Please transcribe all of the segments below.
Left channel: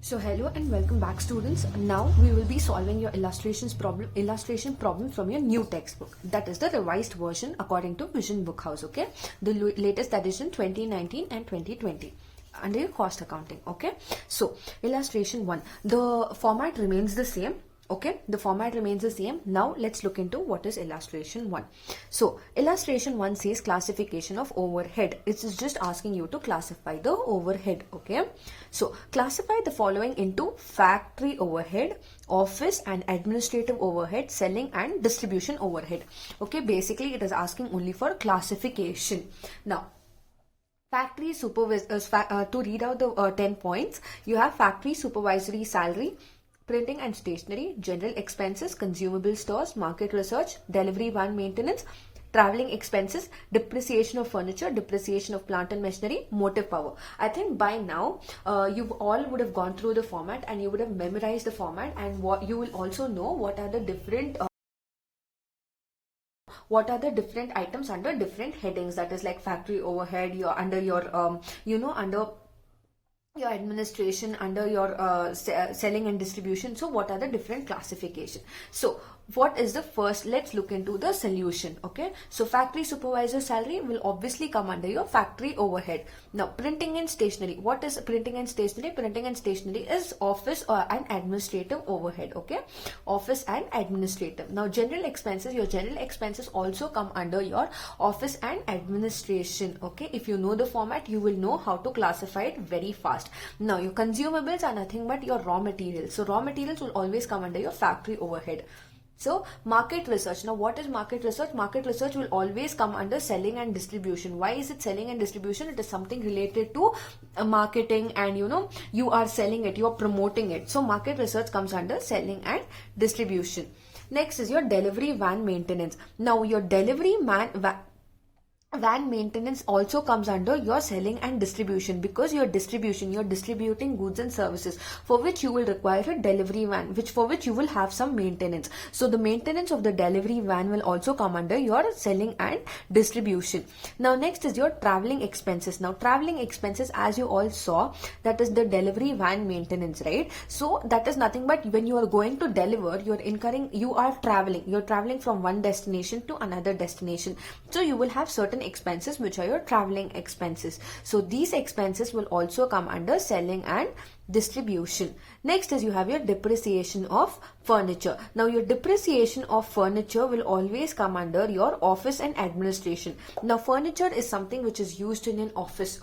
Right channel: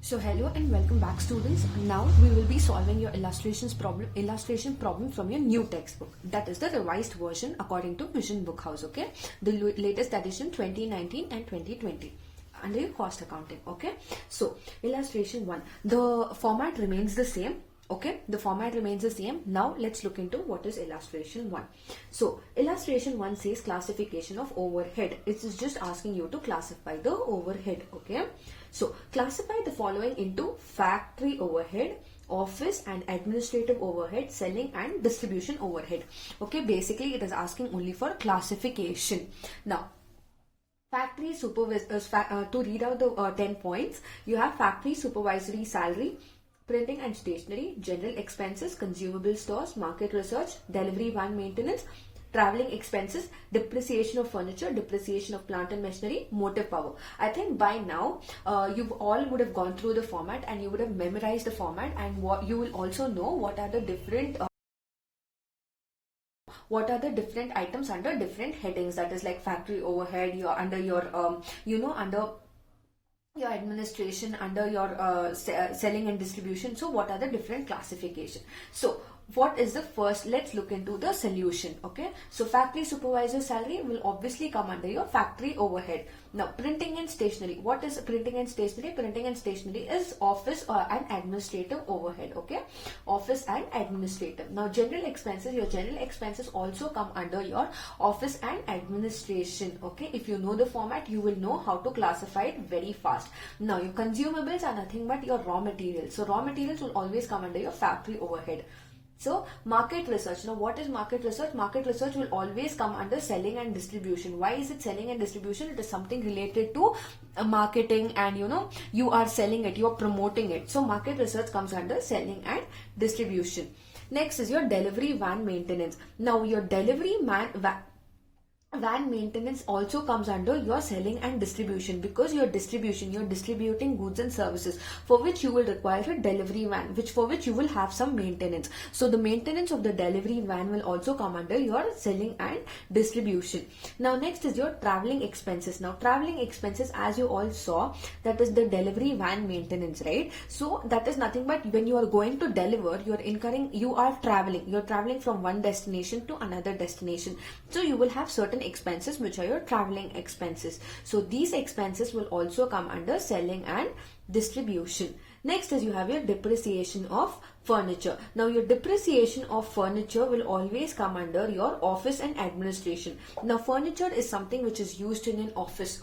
So hello and welcome back, students. Now we will be solving your illustration problem from your new textbook. That is the revised version according to Vision Bookhouse. Okay, the latest edition 2019 and 2020 under your cost accounting. Okay, so illustration 1, the format remains the same. Okay, the format remains the same. Now let's look into what is illustration 1. So illustration 1 says classification of overhead. It is just asking you to classify the overhead. Okay, so classify the following into factory overhead, office and administrative overhead, selling and distribution overhead. Okay, basically it is asking only for classification. Now factory to read out the 10 points, you have factory supervisory salary, printing and stationery, general expenses, consumable stores, market research, delivery van maintenance, traveling expenses, depreciation of furniture, depreciation of plant and machinery, motive power. I think by now you all would have gone through the format and you would have memorized the format, and what you will also know what are the different items under different headings. That is like factory overhead, you're under your under your administration, under your selling and distribution. So what are the different classification? So what is the first? Let's look into the solution. Okay, so factory supervisor salary will obviously come under your factory overhead. Now printing and stationery, what is printing and stationery? Printing and stationery is office and administrative overhead. Okay, office and administrative. Now general expenses, your general expenses also come under your office and administration. Okay, if you know the format, you will know how to classify it very fast. Now your consumables are nothing but your raw materials. So raw materials will always come under your factory overhead. So market research. Now what is market research? Market research will always come under selling and distribution. Why is it selling and distribution? It is something related to marketing, and you are selling it, you are promoting it. So market research comes under selling and distribution. Next is your delivery van maintenance. Now your delivery van maintenance also comes under your selling and distribution, because you're distributing goods and services, for which you will require a delivery van, for which you will have some maintenance. So the maintenance of the delivery van will also come under your selling and distribution. Now next is your traveling expenses. Now traveling expenses, as you all saw, that is the delivery van maintenance, right? So that is nothing but when you are going to deliver, you are traveling from one destination to another destination. So you will have certain expenses which are your traveling expenses. So these expenses will also come under selling and distribution. Next is you have your depreciation of furniture. Now your depreciation of furniture will always come under your office and administration. Now furniture is something which is used in an office,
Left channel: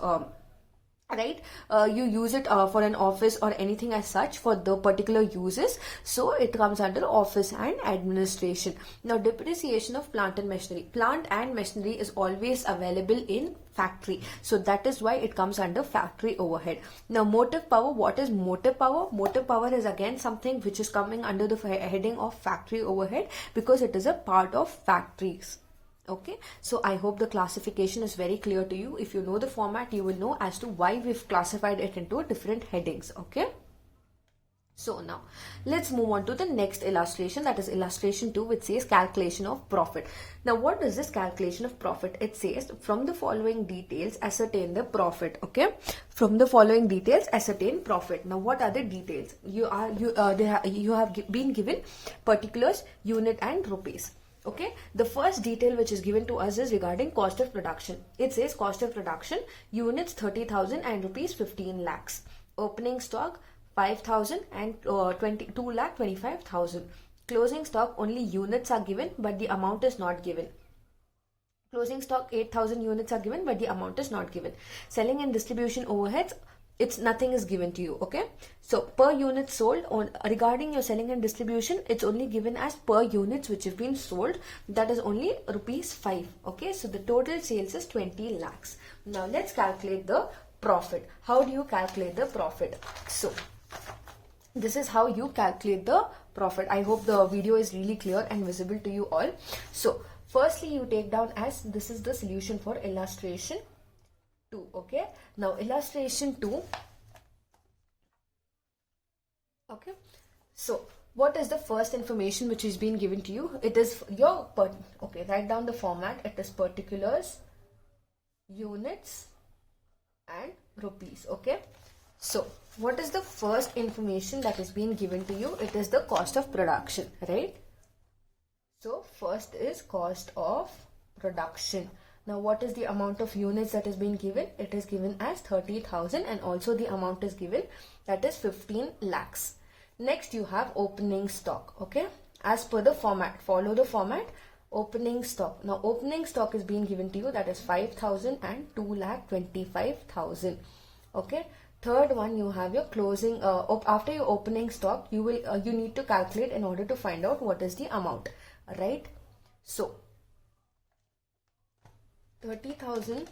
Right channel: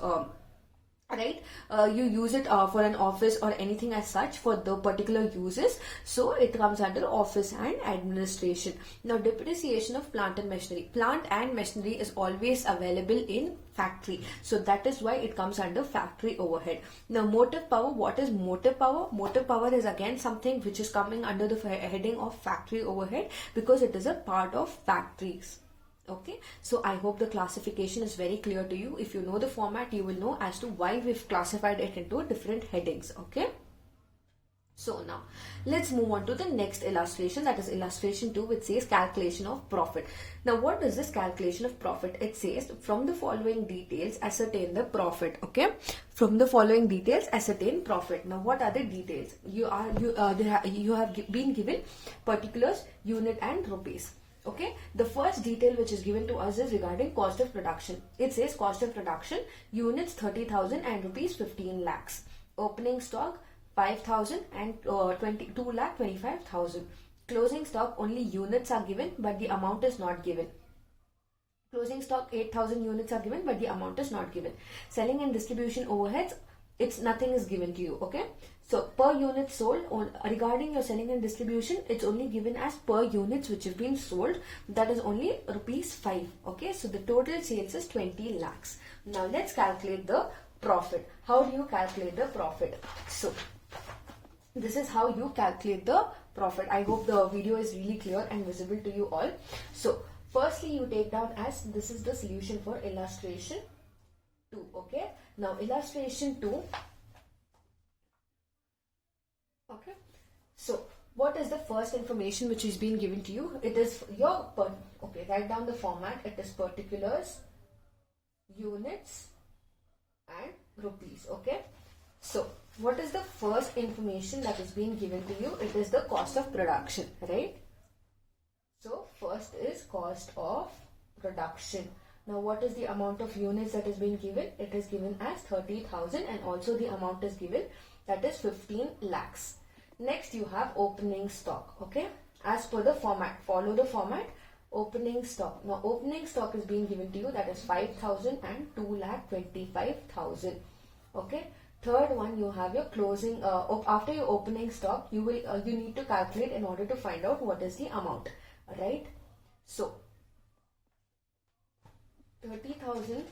right? You use it for an office or anything as such for the particular uses, so it comes under office and administration. Now depreciation of plant and machinery. Plant and machinery is always available in factory, so that is why it comes under factory overhead. Now motive power. What is motive power? Motive power is again something which is coming under the heading of factory overhead, because it is a part of factories. Okay, so I hope the classification is very clear to you. If you know the format, you will know as to why we've classified it into different headings. Okay, so now let's move on to the next illustration, that is illustration 2, which says calculation of profit. Now what is this calculation of profit? It says from the following details ascertain the profit. Okay, from the following details ascertain profit. Now what are the details? You have been given particulars, unit and rupees. Okay, the first detail which is given to us is regarding cost of production. It says cost of production, units 30,000 and rupees 15 lakhs. Opening stock 5,000 and 2,25,000. Closing stock, only units are given but the amount is not given. Closing stock 8,000 units are given but the amount is not given. Selling and distribution overheads, nothing is given to you. Okay, so per unit sold, regarding your selling and distribution, it's only given as per units which have been sold, that is only rupees 5. Okay, so the total sales is 20 lakhs. Now let's calculate the profit. How do you calculate the profit? So this is how you calculate the profit. I hope the video is really clear and visible to you all. So firstly, you take down as this is the solution for illustration 2. Okay, now illustration 2. Okay, so what is the first information which is being given to you? It is your write down the format. It is particulars, units and rupees. Okay, So what is the first information that is being given to you? It is the cost of production, right? So first is cost of production. Now what is the amount of units that is being given? It is given as 30,000, and also the amount is given, that is 15 lakhs. Next you have opening stock. Okay, as per the format, follow the format. Opening stock. Now opening stock is being given to you, that is 5,000 and 2,25,000. Okay. Third one, you have your closing. After your opening stock, you need to calculate in order to find out what is the amount, right? So 30,000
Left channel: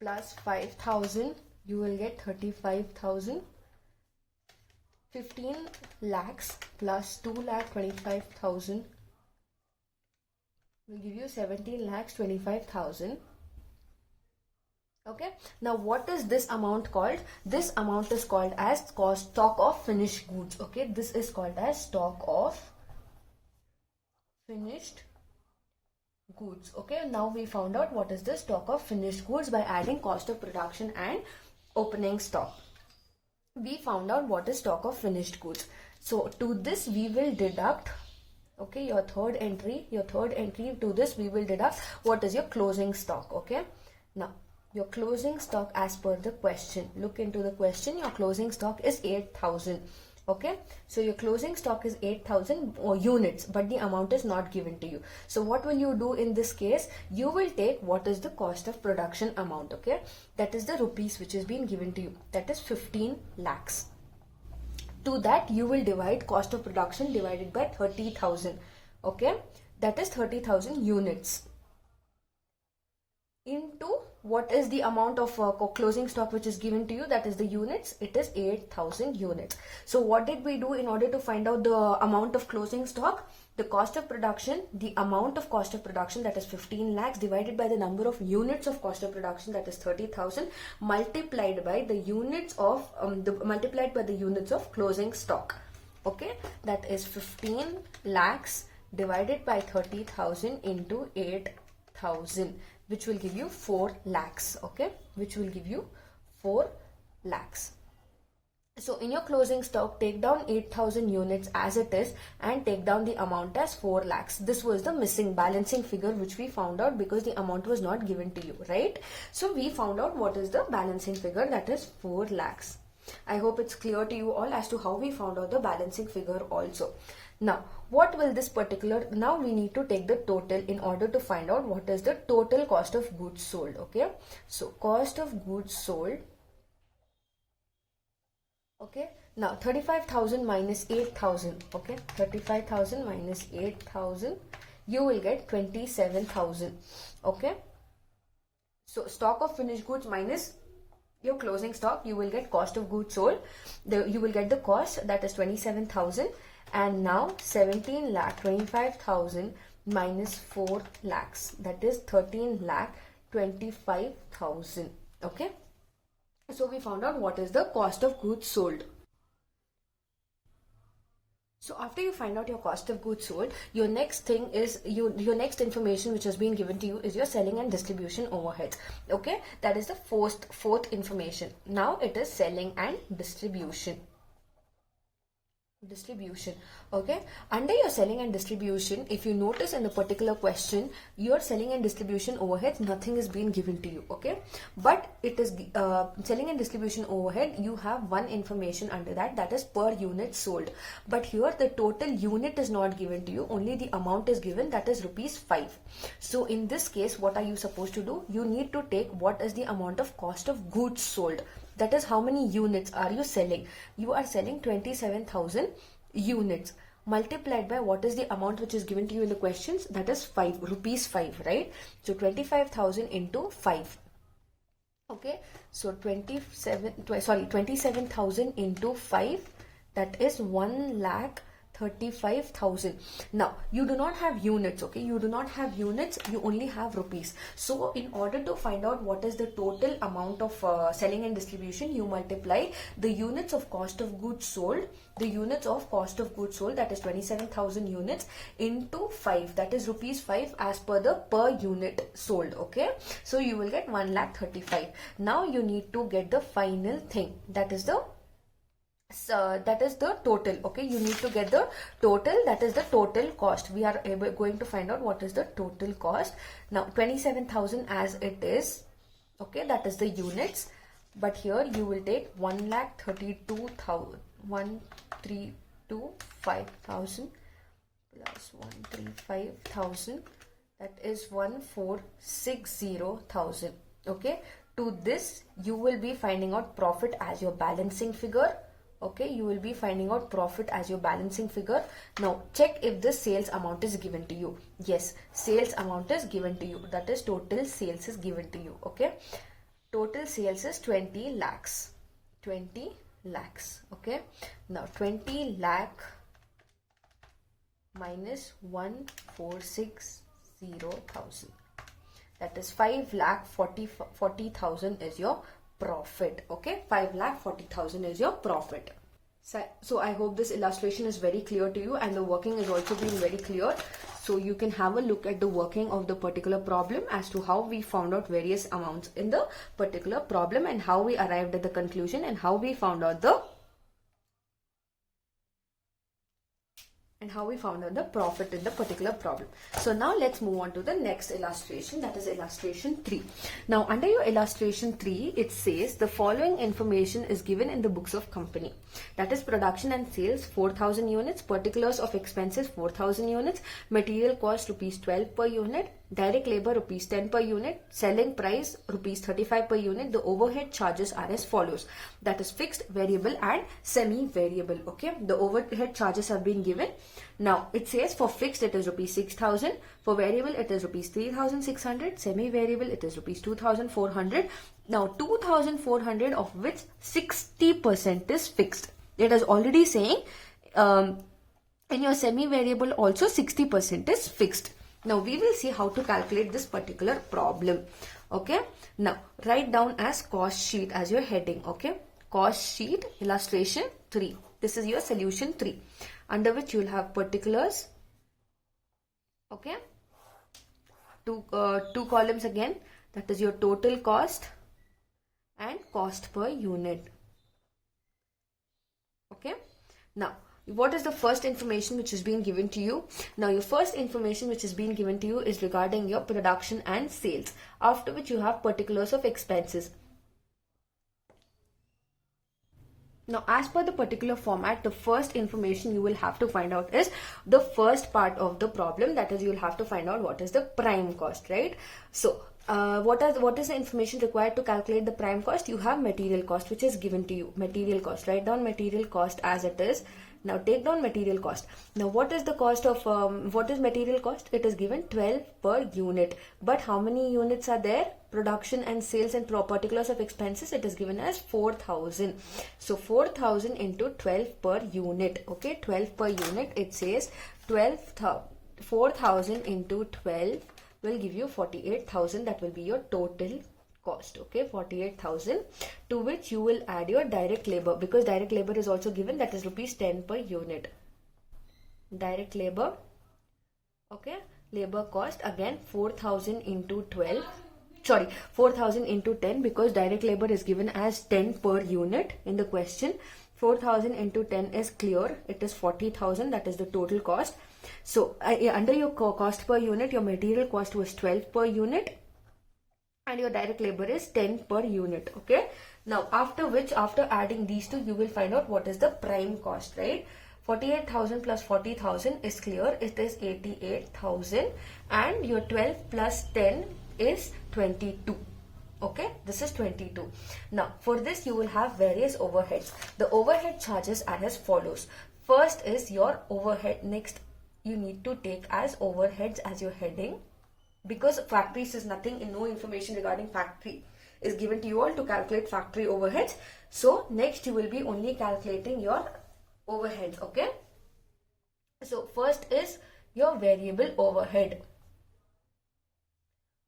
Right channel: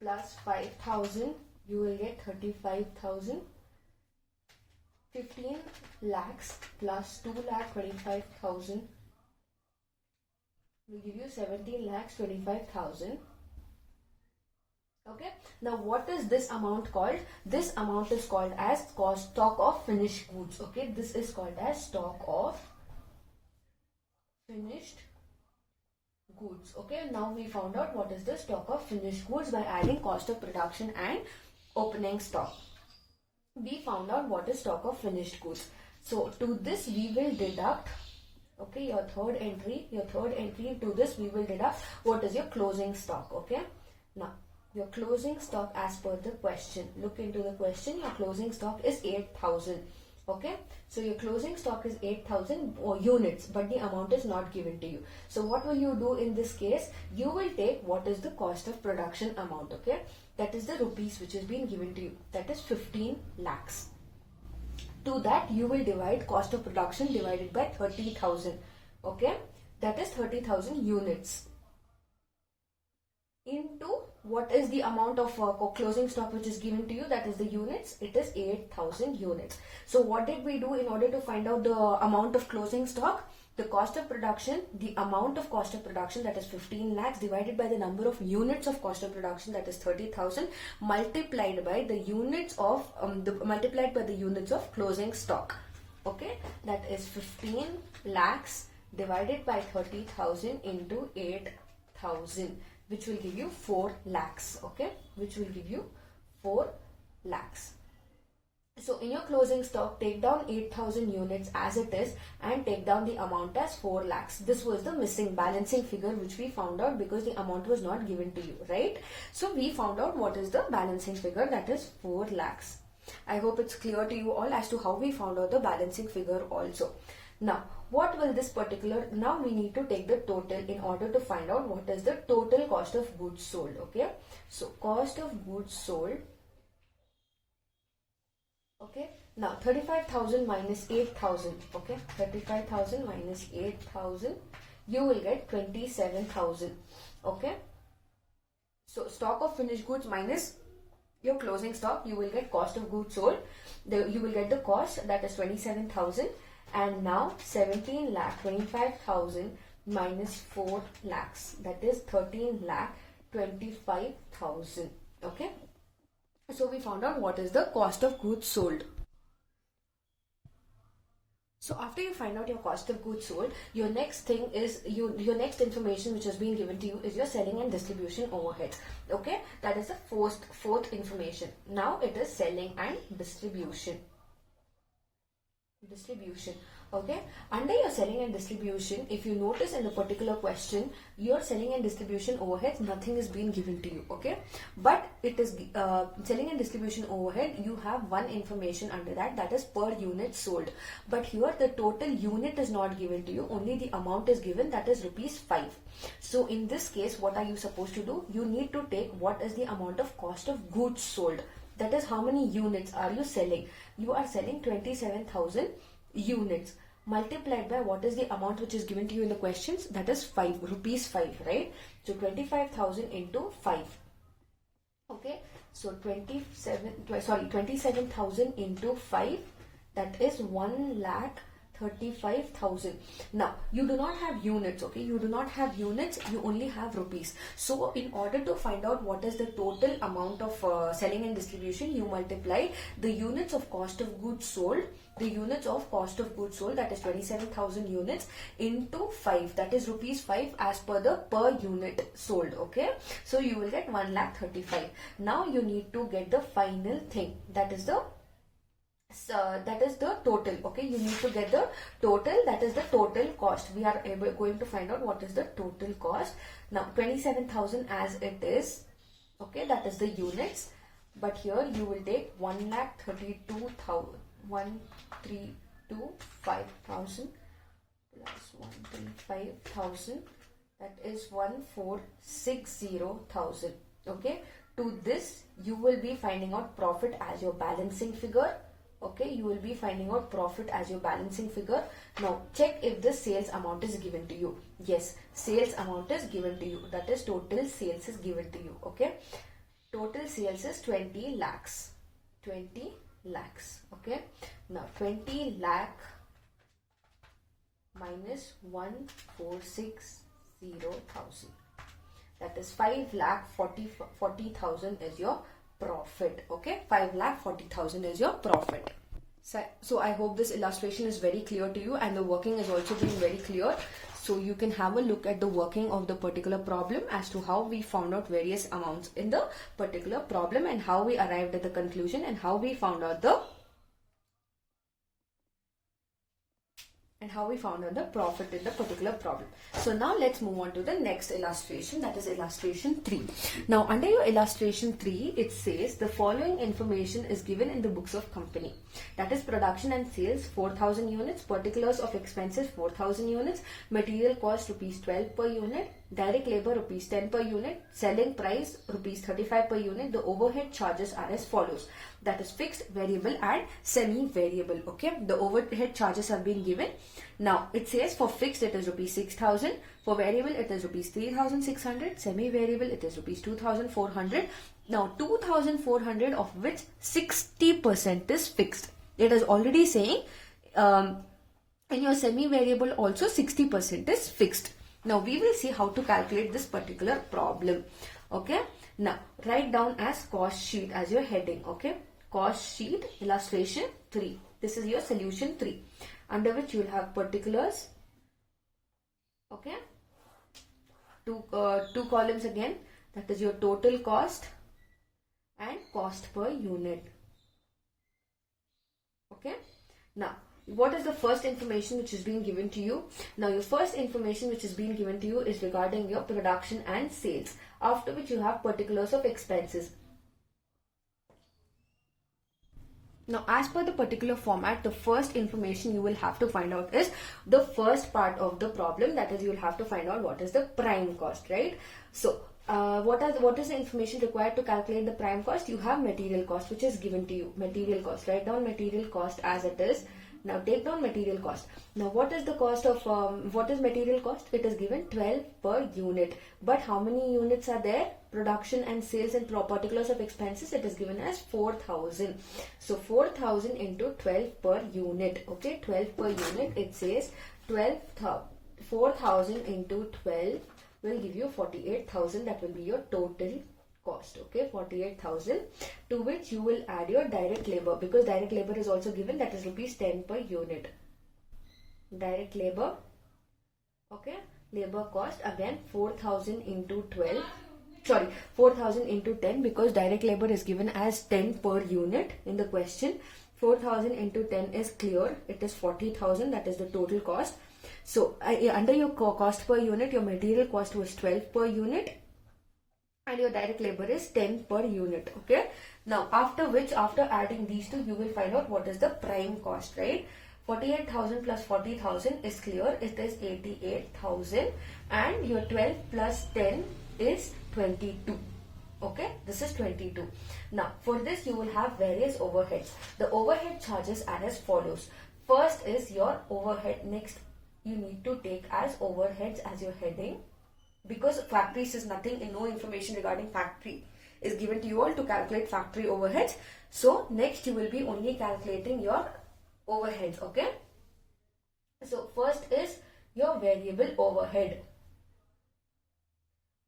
plus 5,000, you will get 35,000. 15 lakhs plus 2,25,000 will give you 17 lakhs 25,000. Okay, now what is this amount called? This amount is called as stock of finished goods. Okay, this is called as stock of finished goods. Okay, now we found out what is the stock of finished goods by adding cost of production and opening stock. We found out what is stock of finished goods. So to this we will deduct, okay, your third entry to this we will deduct what is your closing stock. Okay, now your closing stock as per the question, look into the question, your closing stock is 8,000. Okay, so your closing stock is 8,000 units, but the amount is not given to you. So what will you do in this case? You will take what is the cost of production amount. Okay, that is the rupees which is being given to you, that is 15 lakhs. To that you will divide cost of production divided by 30,000. Okay, that is 30,000 units into what is the amount of closing stock which is given to you, that is the units, it is 8,000 units. So what did we do in order to find out the amount of closing stock? The cost of production, the amount of cost of production, that is 15 lakhs, divided by the number of units of cost of production, that is 30,000, multiplied by the units of closing stock. Okay, that is 15 lakhs divided by 30,000 into 8,000, which will give you 4 lakhs. Okay, which will give you 4 lakhs. So in your closing stock, take down 8,000 units as it is and take down the amount as 4 lakhs. This was the missing balancing figure which we found out because the amount was not given to you, right? So we found out what is the balancing figure, that is 4 lakhs. I hope it's clear to you all as to how we found out the balancing figure also. Now, what will this particular, now we need to take the total in order to find out what is the total cost of goods sold. Okay, so cost of goods sold. Okay, now 35,000 minus 8,000. Okay, 35,000 minus 8,000, you will get 27,000. Okay, so stock of finished goods minus your closing stock, you will get cost of goods sold. You will get the cost, that is 27,000. And now 17 lakh 25,000 minus 4 lakhs, that is 13 lakh 25,000. Okay, so we found out what is the cost of goods sold. So after you find out your cost of goods sold, your next thing is your next information which has been given to you is your selling and distribution overheads. Okay, that is the fourth information. Now it is selling and distribution. Okay, under your selling and distribution, if you notice in a particular question, your selling and distribution overheads, nothing is being given to you. Okay, but it is selling and distribution overhead, you have one information under that, that is per unit sold. But here the total unit is not given to you, only the amount is given, that is rupees 5. So in this case, what are you supposed to do? You need to take what is the amount of cost of goods sold. That is how many units are you selling? You are selling 27,000 units, multiplied by what is the amount which is given to you in the questions, that is rupees 5, right? So 25,000 into 5. Okay, so 27,000 into 5, that is 1,35,000. Now you do not have units. Okay, you do not have units, you only have rupees. So in order to find out what is the total amount of selling and distribution, you multiply the units of cost of goods sold, that is 27,000 units, into 5, that is rupees 5 as per the per unit sold. Okay, so you will get 1,35,000. Now you need to get the final thing, that is the So that is the total. Okay, you need to get the total, that is the total cost. We are going to find out what is the total cost. Now 27,000 as it is, okay, that is the units, but here you will take 1,32,000, 1,325,000 plus 135,000, that is 1,460,000. Okay, to this you will be finding out profit as your balancing figure. Okay, you will be finding out profit as your balancing figure. Now check if the sales amount is given to you. Yes, sales amount is given to you, that is total sales is given to you. Okay, total sales is 20 lakhs. 20 lakhs. Okay, now 20 lakh minus 1,460,000, that is 5,40,000 is your profit. Okay, 5,40,000 is your profit. So I hope this illustration is very clear to you, and the working is also being very clear. So you can have a look at the working of the particular problem as to how we found out various amounts in the particular problem, and how we arrived at the conclusion, and how we found out the profit in the particular problem. So now let's move on to the next illustration, that is illustration 3. Now under your illustration 3, it says the following information is given in the books of company, that is production and sales 4,000 units, particulars of expenses 4,000 units, material cost rupees 12 per unit, direct labor rupees 10 per unit, selling price rupees 35 per unit. The overhead charges are as follows, that is fixed, variable and semi-variable. Okay, the overhead charges have been given. Now it says for fixed it is rupees 6,000, for variable it is rupees 3,600, semi-variable it is rupees 2,400. Now 2,400 of which 60% is fixed. It is already saying in your semi-variable also 60% is fixed. Now we will see how to calculate this particular problem. Okay, now write down as cost sheet as your heading. Okay, cost sheet illustration 3. This is your solution 3, under which you will have particulars. Okay, two columns again, that is your total cost and cost per unit. Okay, now what is the first information which is being given to you? Now your first information which is being given to you is regarding your production and sales, after which you have particulars of expenses. Now as per the particular format, the first information you will have to find out is the first part of the problem, that is you will have to find out what is the prime cost, right? So what is the information required to calculate the prime cost? You have material cost which is given to you. Material cost, write down material cost as it is. Now take down material cost. Now what is the cost of what is material cost? It is given 12 per unit, but how many units are there? Production and sales and particulars of expenses, it is given as 4,000. So 4,000 into 12 per unit. Okay, 12 per unit, it says 4,000 into 12 will give you 48,000. That will be your total cost. Okay, 48,000, to which you will add your direct labor, because direct labor is also given, that is rupees 10 per unit. Direct labor, okay, labor cost again 4,000 into 12, sorry, 4,000 into 10, because direct labor is given as 10 per unit in the question. 4,000 into 10 is clear, it is 40,000, that is the total cost. So under your cost per unit, your material cost was 12 per unit, and your direct labor is 10 per unit. Okay, now after adding these two, you will find out what is the prime cost, right? 48,000 plus 40,000 is clear, it is 88,000, and your 12 plus 10 is 22. Okay, this is 22. Now for this you will have various overheads. The overhead charges are as follows. First is your overhead. Next you need to take as overheads as your heading, because factories is nothing, and no information regarding factory is given to you all to calculate factory overheads. So next you will be only calculating your overheads. Okay, so first is your variable overhead.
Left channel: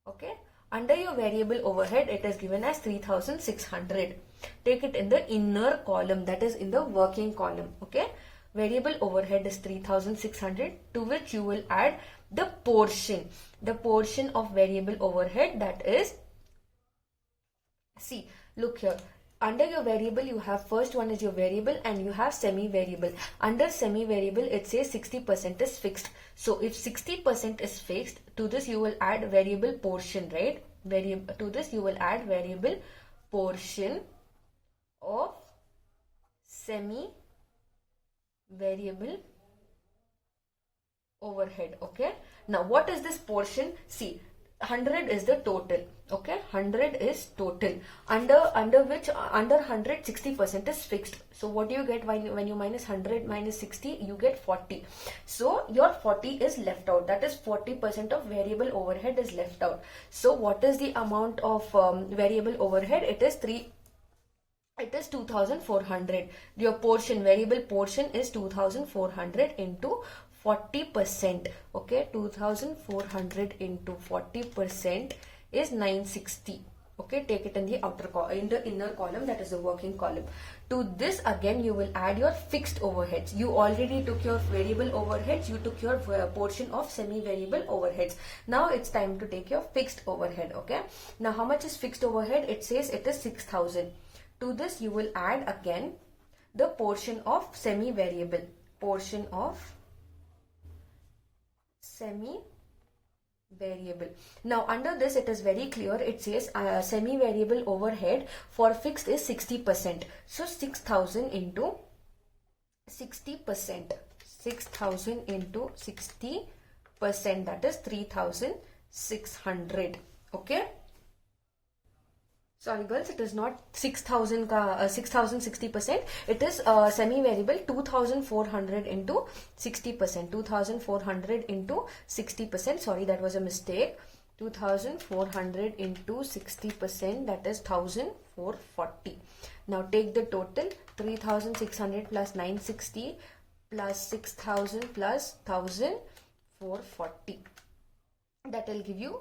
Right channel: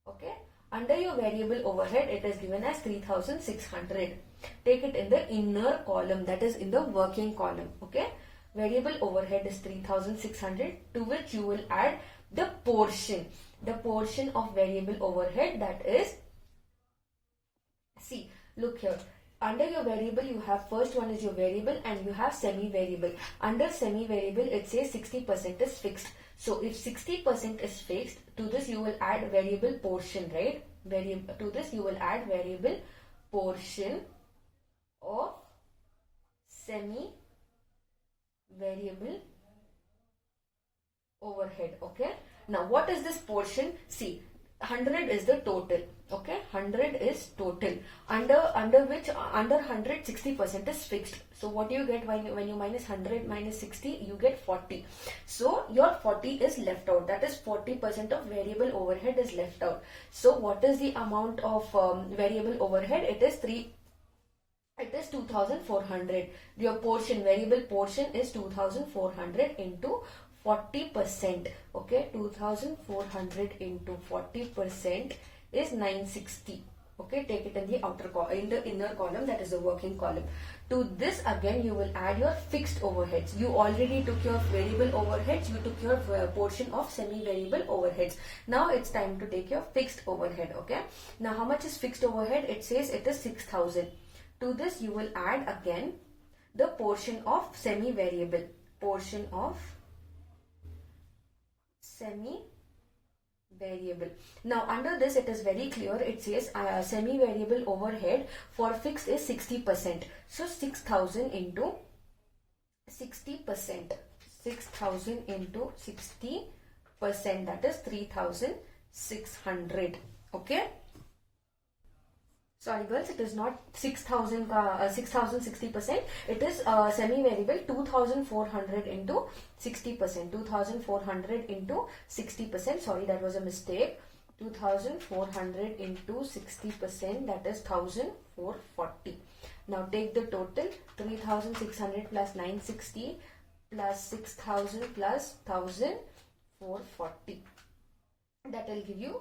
Okay, under your variable overhead, it is given as 3,600. Take it in the inner column, that is in the working column. Okay, variable overhead is 3,600, to which you will add the portion of variable overhead, that is, see, look here, under your variable you have, first one is your variable and you have semi-variable. Under semi-variable it says 60% is fixed. So if 60% is fixed, to this you will add variable portion, right? To this you will add variable portion of semi-variable overhead. Okay, now what is this portion? See, 100 is the total. Okay, 100 is total, under which under 100 60% is fixed. So what do you get when you minus 100 minus 60? You get 40. So your 40 is left out, that is 40% of variable overhead is left out. So what is the amount of variable overhead? It is 2400. Your portion, variable portion is 2400 into 40%. Okay, 2400 into 40% is 960. Okay, take it in the in the inner column, that is the working column. To this again you will add your fixed overheads. You already took your variable overheads, you took your portion of semi-variable overheads. Now it's time to take your fixed overhead. Okay, now how much is fixed overhead? It says it is 6000. To this you will add again the portion of semi-variable, portion of semi-variable. Now under this it is very clear, it says semi-variable overhead for fixed is 60%. So 6000 into 60%, 6000 into 60%, that is 3600. Okay, sorry girls, it is not 6000 60% it is semi-variable 2400 into 60%, 2400 into 60%, sorry, that was a mistake. 2400 into 60%, that is 1440. Now take the total, 3600 plus 960 plus 6000 plus 1440, that will give you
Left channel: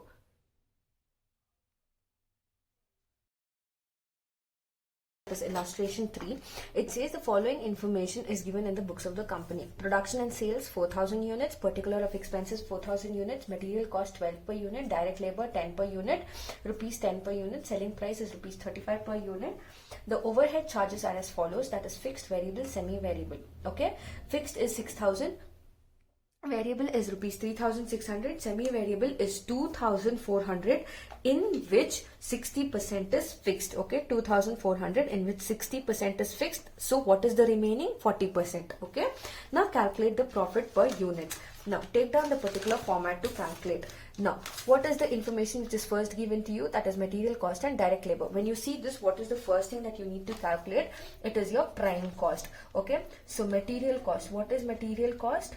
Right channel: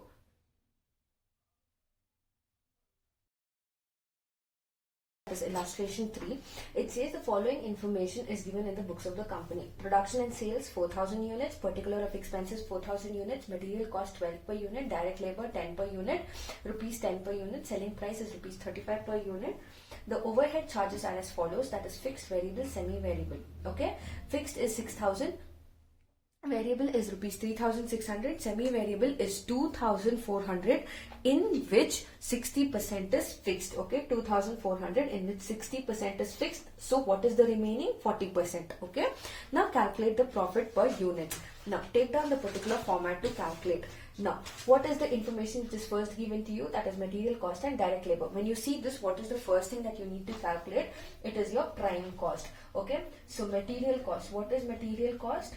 is illustration 3. It says the following information is given in the books of the company. Production and sales 4000 units, particular of expenses 4000 units, material cost 12 per unit, direct labor 10 per unit, rupees 10 per unit, selling price is rupees 35 per unit. The overhead charges are as follows, that is fixed, variable, semi-variable. Okay, fixed is 6000, variable is rupees 3600, semi-variable is 2400, in which 60% is fixed. Okay, 2400 in which 60% is fixed. So what is the remaining? 40%. Okay, now calculate the profit per unit. Now take down the particular format to calculate. Now what is the information which is first given to you? That is material cost and direct labor. When you see this, what is the first thing that you need to calculate? It is your prime cost. Okay, so material cost, what is material cost?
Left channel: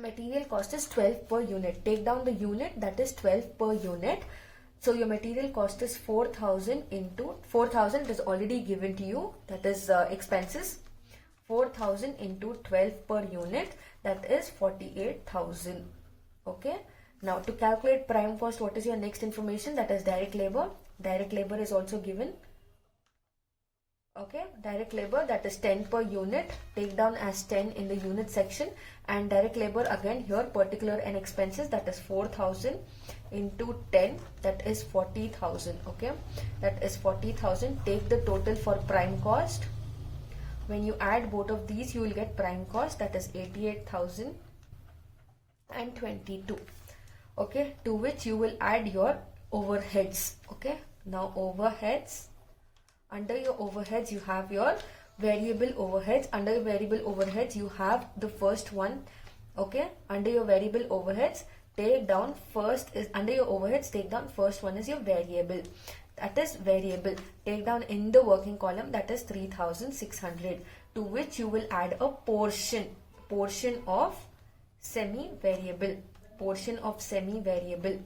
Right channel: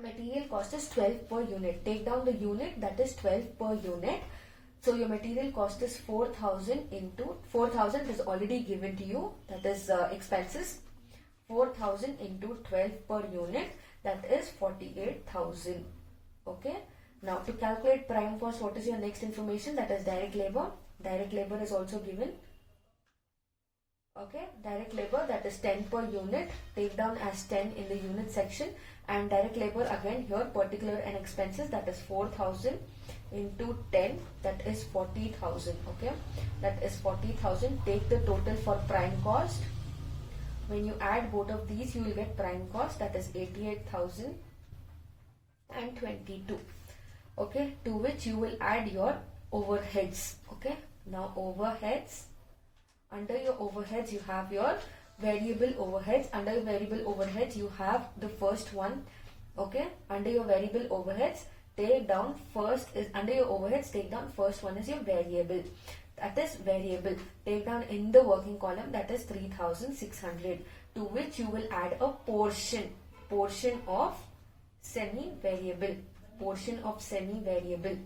Material cost is 12 per unit. Take down the unit, that is 12 per unit. So your material cost is 4000 into 4000 is already given to you, that is expenses. 4000 into 12 per unit, that is 48,000. Okay, now to calculate prime cost, what is your next information? That is direct labor. Direct labor is also given. Okay, direct labor, that is 10 per unit. Take down as 10 in the unit section. And direct labor again here, particular and expenses, that is 4000 into 10, that is 40,000. Okay, that is 40,000. Take the total for prime cost. When you add both of these, you will get prime cost, that is 88,022. Okay, to which you will add your overheads. Okay, now overheads. Under your overheads you have your variable overheads. Under your variable overheads you have the first one. Okay, under your variable overheads, take down first is under your overheads, take down first one is your variable, that is variable. Take down in the working column, that is 3600, to which you will add a portion of semi-variable, portion of semi-variable.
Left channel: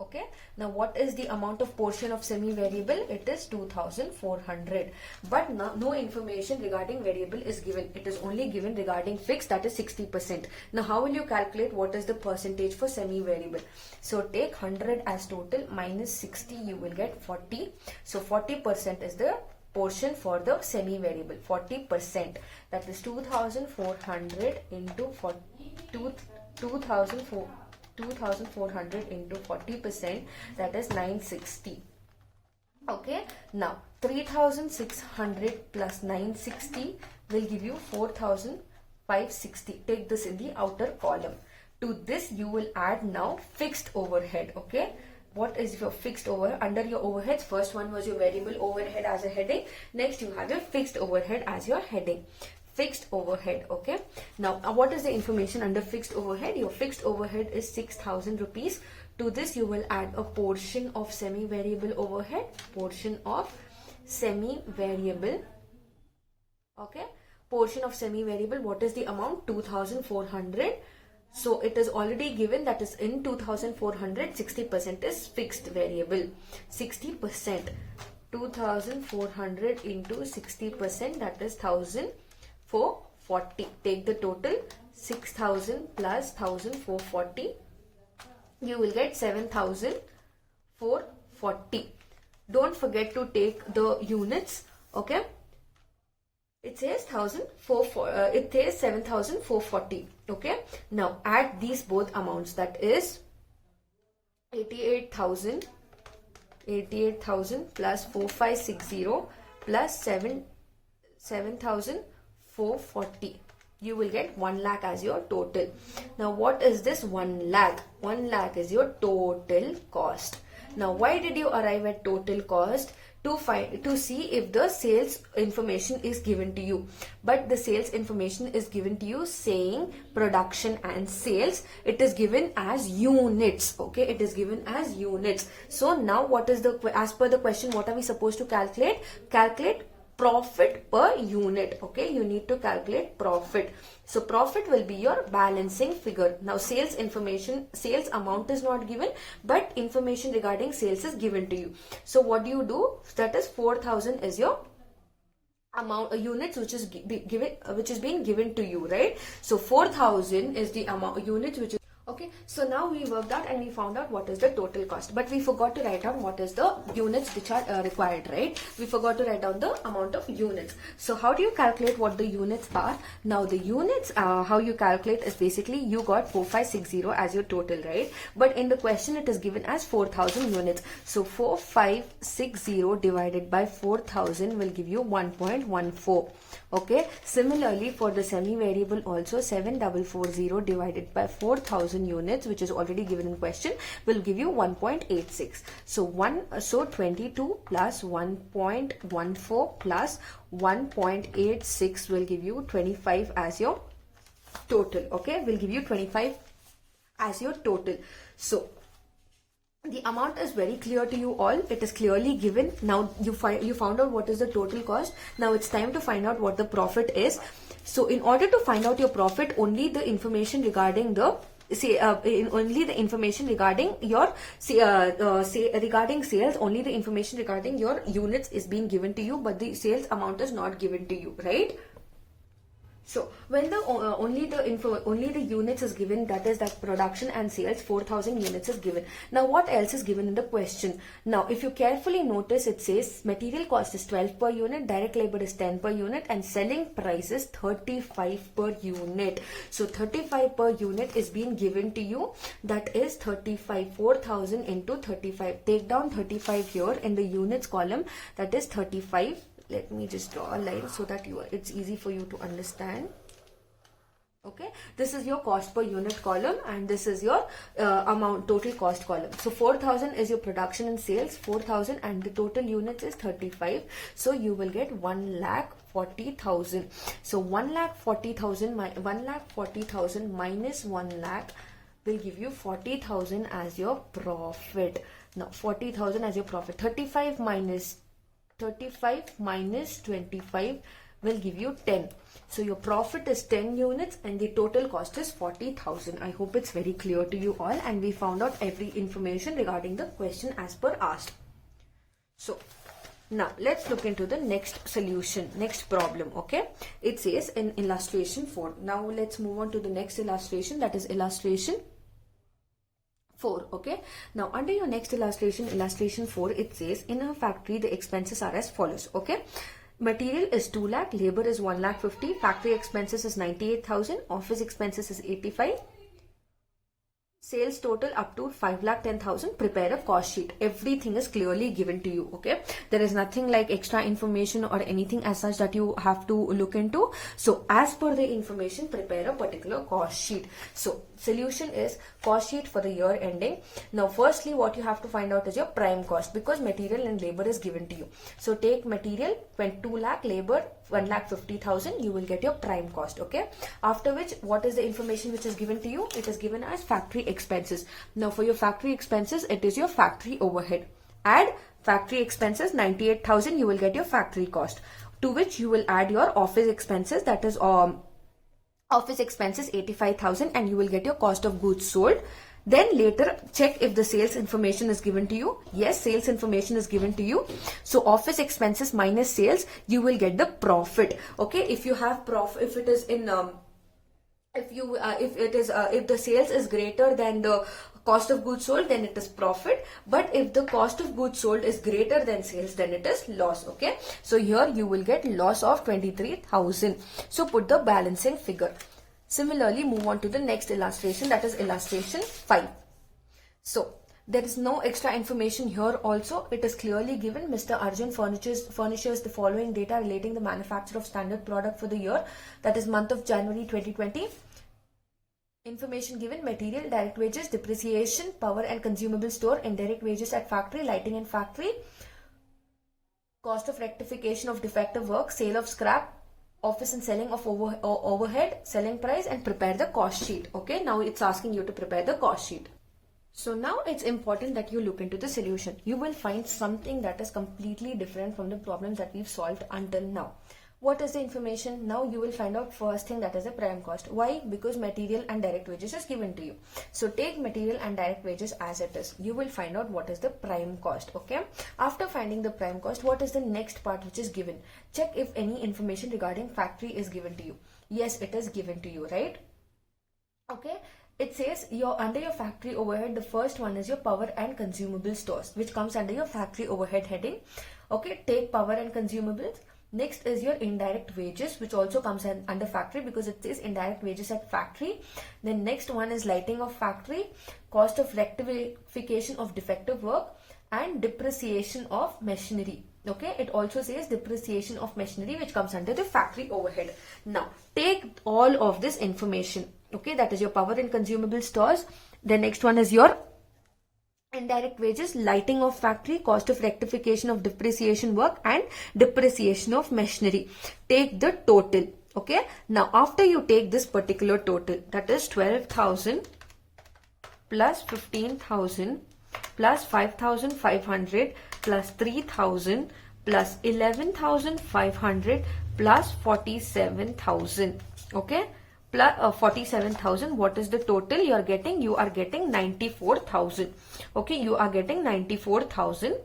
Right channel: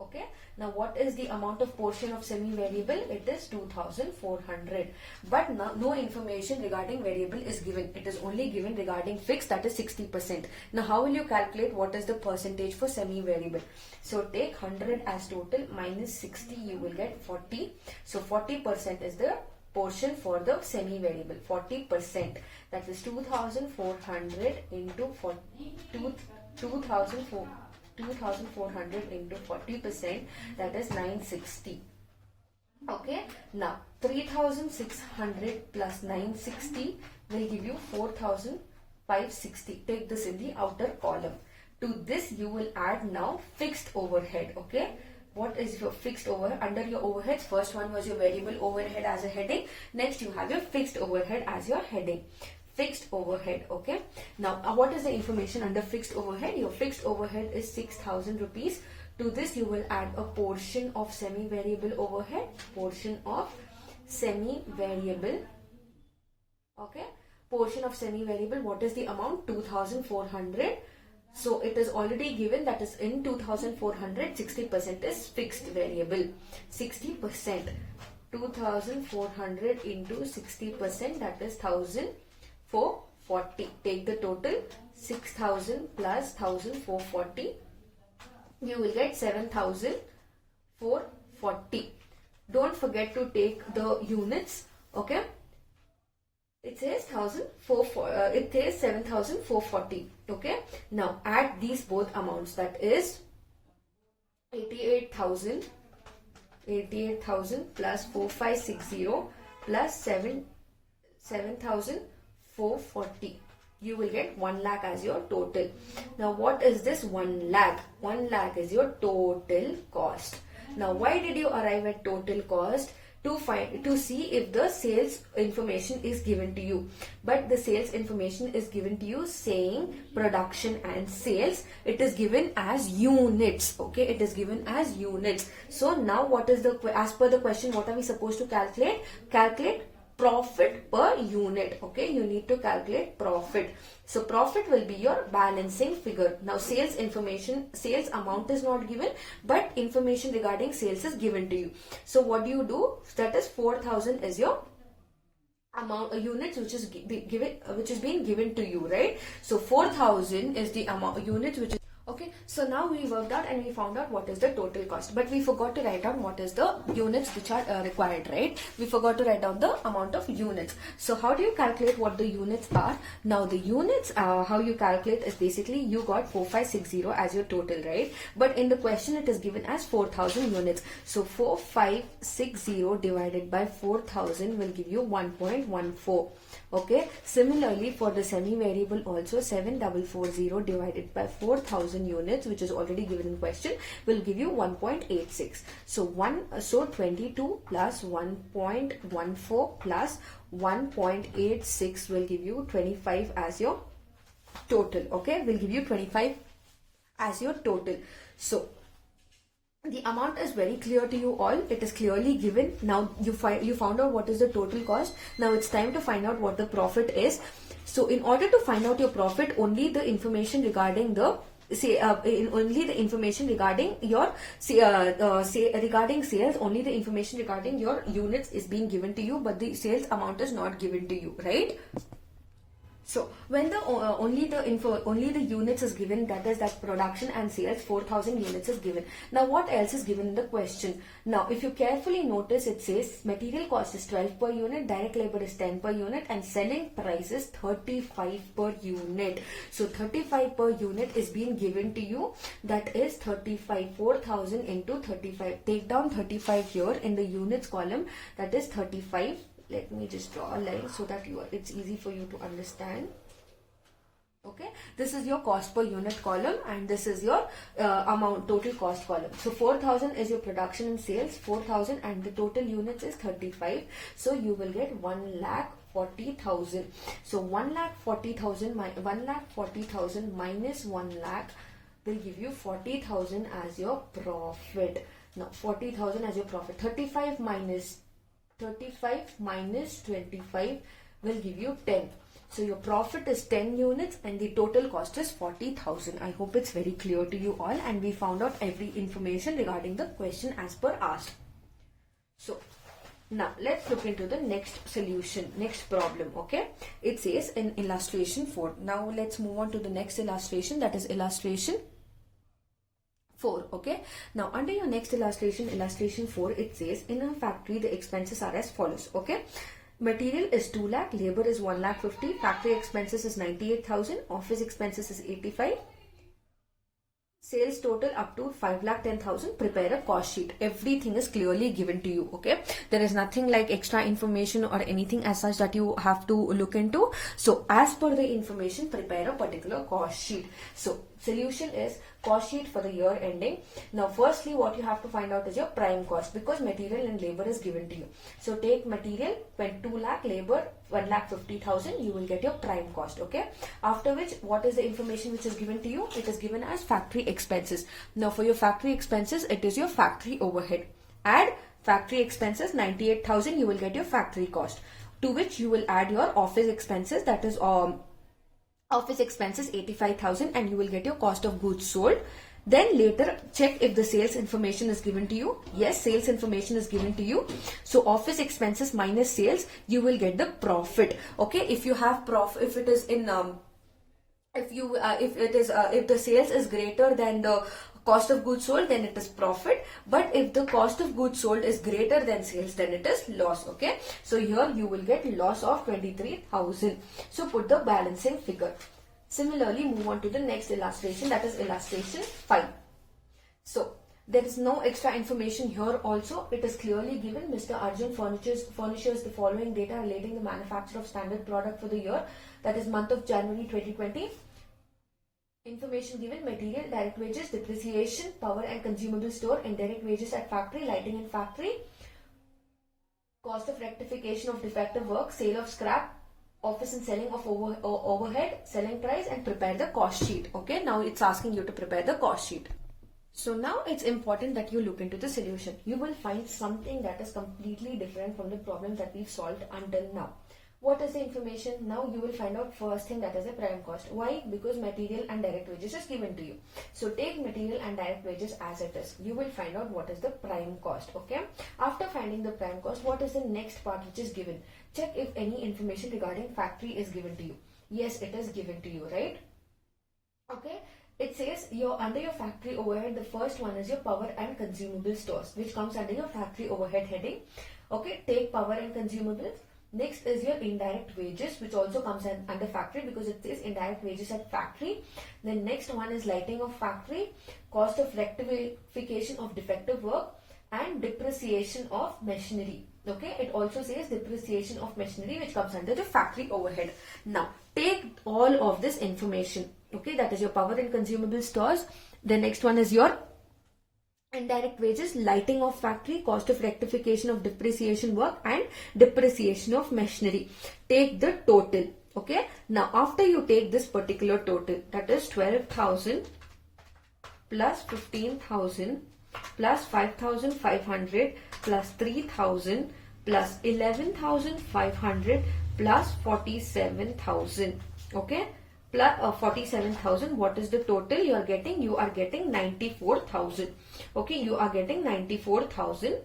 Okay, now what is the amount of portion of semi-variable? It is 2400, but no information regarding variable is given. It is only given regarding fixed, that is 60%. Now how will you calculate what is the percentage for semi-variable? So take 100 as total minus 60, you will get 40. So 40% is the portion for the semi-variable, 40%, that is 2400 into 2400 into 40%, that is 960. Okay, now 3600 plus 960 will give you 4560. Take this in the outer column. To this you will add now fixed overhead. Okay, what is your fixed overhead? Under your overheads, first one was your variable overhead as a heading. Next you have your fixed overhead as your heading. Fixed overhead. Okay, now what is the information under fixed overhead? Your fixed overhead is 6000 rupees. To this you will add a portion of semi-variable overhead, portion of semi-variable. Okay, portion of semi-variable, what is the amount? 2400. So it is already given, that is in 2400, 60% is fixed variable. 60%, 2400 into 60%, that is 1440. Take the total, 6000 plus 1440. You will get 7440. Don't forget to take the units. Okay, it says 7440. Okay, now add these both amounts, that is 88,000 plus 4560 plus 7,440. You will get 1 lakh as your total. Now what is this 1 lakh? 1 lakh is your total cost. Now why did you arrive at total cost? To see if the sales information is given to you. But the sales information is given to you saying production and sales. It is given as units. Okay, it is given as units. So now what is as per the question, what are we supposed to calculate? Calculate profit per unit. Okay, you need to calculate profit. So profit will be your balancing figure. Now sales information, sales amount is not given, but information regarding sales is given to you. So what do you do? That is 4000 is your amount, units which is being given to you, right? So 4000 is the amount units which is okay. So now we worked out and we found out what is the total cost, but we forgot to write down what is the units which are required, right? We forgot to write down the amount of units. So how do you calculate what the units are? Now the units, how you calculate is basically you got 4560 as your total, right? But in the question it is given as 4000 units. So 4560 divided by 4000 will give you 1.14. Okay, similarly for the semi-variable also, 7440 divided by 4000 units, which is already given in question, will give you 1.86. So 22 plus 1.14 plus 1.86 will give you 25 as your total. Okay, will give you 25 as your total. So the amount is very clear to you all. It is clearly given. Now you found out what is the total cost. Now it's time to find out what the profit is. So in order to find out your profit, only the information regarding the only the information regarding your regarding sales, only the information regarding your units is being given to you, but the sales amount is not given to you, right? So when the only the units is given, that is that production and sales, 4000 units is given. Now what else is given in the question? Now if you carefully notice, it says material cost is 12 per unit, direct labor is 10 per unit, and selling price is 35 per unit. So 35 per unit is being given to you. That is 35, 4000 into 35. Take down 35 here in the units column. That is 35. Let me just draw a line so that it's easy for you to understand. Okay, this is your cost per unit column and this is your amount total cost column. So 4000 is your production and sales, 4000, and the total units is 35. So you will get 1,40,000. So 1,40,000 minus 1 lakh will give you 40,000 as your profit. Now 40,000 as your profit. 35 minus 25 will give you 10. So your profit is 10 units and the total cost is 40,000. I hope it's very clear to you all, and we found out every information regarding the question as per asked. So now let's look into the next solution, next problem. Okay, it says in illustration 4. Now let's move on to the next illustration, that is illustration 4. Okay, now under your next illustration 4, it says in a factory the expenses are as follows. Okay, material is 2 lakh, labor is 1,50,000, factory expenses is 98,000, office expenses is 85, Sales total up to 5,10,000, prepare a cost sheet. Everything is clearly given to you, okay? There is nothing like extra information or anything as such that you have to look into. So as per the information, prepare a particular cost sheet. So solution is cost sheet for the year ending. Now firstly what you have to find out is your prime cost, because material and labor is given to you. So take material 2 lakh, labor 1,50,000, you will get your prime cost, okay? After which, what is the information which is given to you? It is given as factory expenses. Now for your factory expenses, it is your factory overhead. Add factory expenses 98,000, you will get your factory cost, to which you will add your office expenses, that is office expenses 85,000, and you will get your cost of goods sold. Then later check if the sales information is given to you. Yes, sales information is given to you. So office expenses minus sales, you will get the profit. Okay, if you have profit, if it is in if the sales is greater than the cost of goods sold, then it is profit. But if the cost of goods sold is greater than sales, then it is loss. Okay, so here you will get loss of 23,000. So put the balancing figure. Similarly, move on to the next illustration, that is illustration 5. So there is no extra information here also. It is clearly given. Mr. Arjun furnishes the following data relating the manufacture of standard product for the year, that is month of January 2020. Information given: material, direct wages, depreciation, power and consumable store, indirect wages at factory, lighting and factory, cost of rectification of defective work, sale of scrap, office and selling of overhead, selling price, and prepare the cost sheet. Okay, now it's asking you to prepare the cost sheet. So now it's important that you look into the solution. You will find something that is completely different from the problem that we've solved until now. What is the information? Now you will find out first thing, that is the prime cost. Why? Because material and direct wages is given to you. So take material and direct wages as it is. You will find out what is the prime cost. Okay. After finding the prime cost, what is the next part which is given? Check if any information regarding factory is given to you. Yes, it is given to you, right? Okay. It says under your factory overhead, the first one is your power and consumable stores, which comes under your factory overhead heading. Okay. Take power and consumables. Next is your indirect wages, which also comes under factory because it says indirect wages at factory. Then next one is lighting of factory, cost of rectification of defective work, and depreciation of machinery. Okay, it also says depreciation of machinery, which comes under the factory overhead. Now take all of this information. Okay, that is your power and consumable stores. The next one is your indirect wages, lighting of factory, cost of rectification of depreciation work, and depreciation of machinery. Take the total. Okay, now after you take this particular total, that is 12,000 plus 15,000 plus 5,500 plus 3,000 plus 11,500 plus 47,000. Okay, plus 47,000. What is the total you are getting? You are getting 94,000. Okay, you are getting 94,000.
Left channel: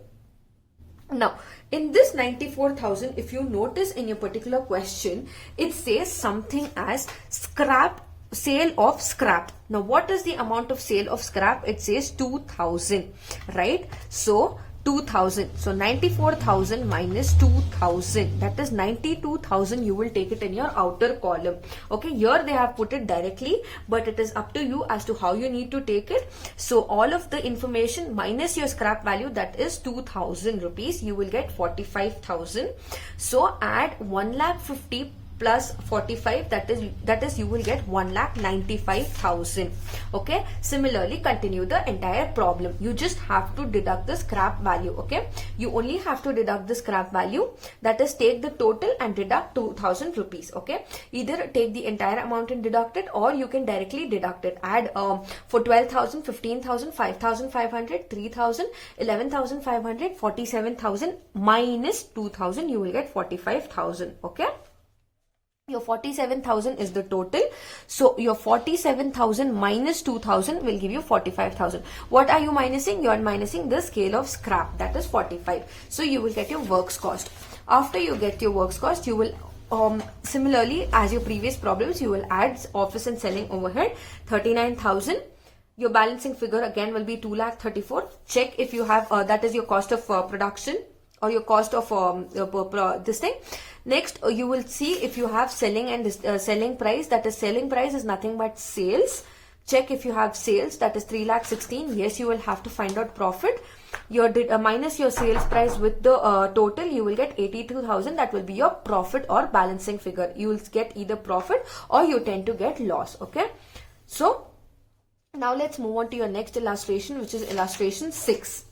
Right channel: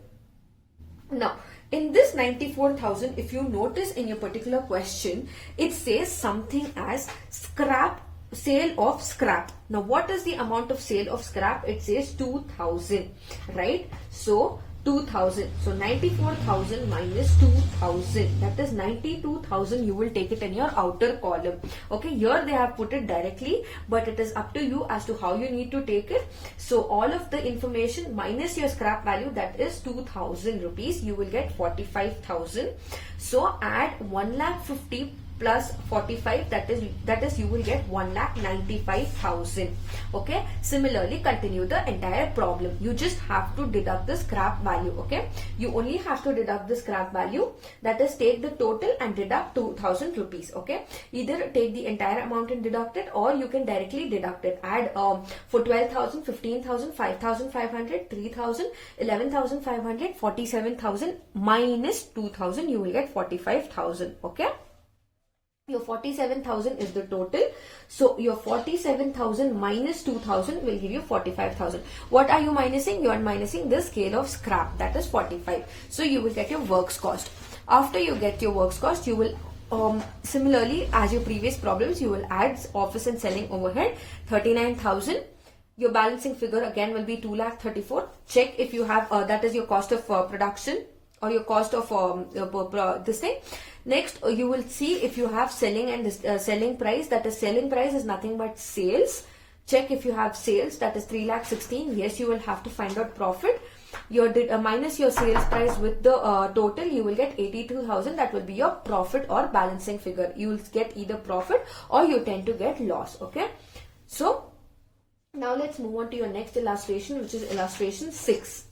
Now in this 94,000, if you notice in your particular question, it says something as scrap, sale of scrap. Now what is the amount of sale of scrap? It says 2,000, right? So 2,000. So 94,000 minus 2,000, that is 92,000. You will take it in your outer column. Okay, here they have put it directly, but it is up to you as to how you need to take it. So all of the information minus your scrap value, that is 2,000 rupees, you will get 45,000. So add 1,50,000 plus 45, that is you will get 1,95,000. Okay, similarly continue the entire problem. You just have to deduct the scrap value. Okay, you only have to deduct the scrap value, that is take the total and deduct 2,000 rupees. Okay, either take the entire amount and deduct it, or you can directly deduct it. Add for 12,000, 15,000, 5,500, 3,000, 11,500, 47,000 minus 2,000, you will get 45,000. Okay, your 47,000 is the total. So your 47,000 minus 2,000 will give you 45,000. What are you minusing? You are minusing the scale of scrap, that is 45. So you will get your works cost. After you get your works cost, you will similarly as your previous problems, you will add office and selling overhead 39,000. Your balancing figure again will be 2,34,000. Check if you have that is your cost of production or your cost of this thing. Next, you will see if you have selling and selling price, that is selling price is nothing but sales check if you have sales, that is 3,16,000. Yes, you will have to find out profit. Your minus your sales price with the total, you will get 82,000. That will be your profit or balancing figure. You will get either profit or you tend to get loss. Okay. So now let's move on to your next illustration, which is illustration 6.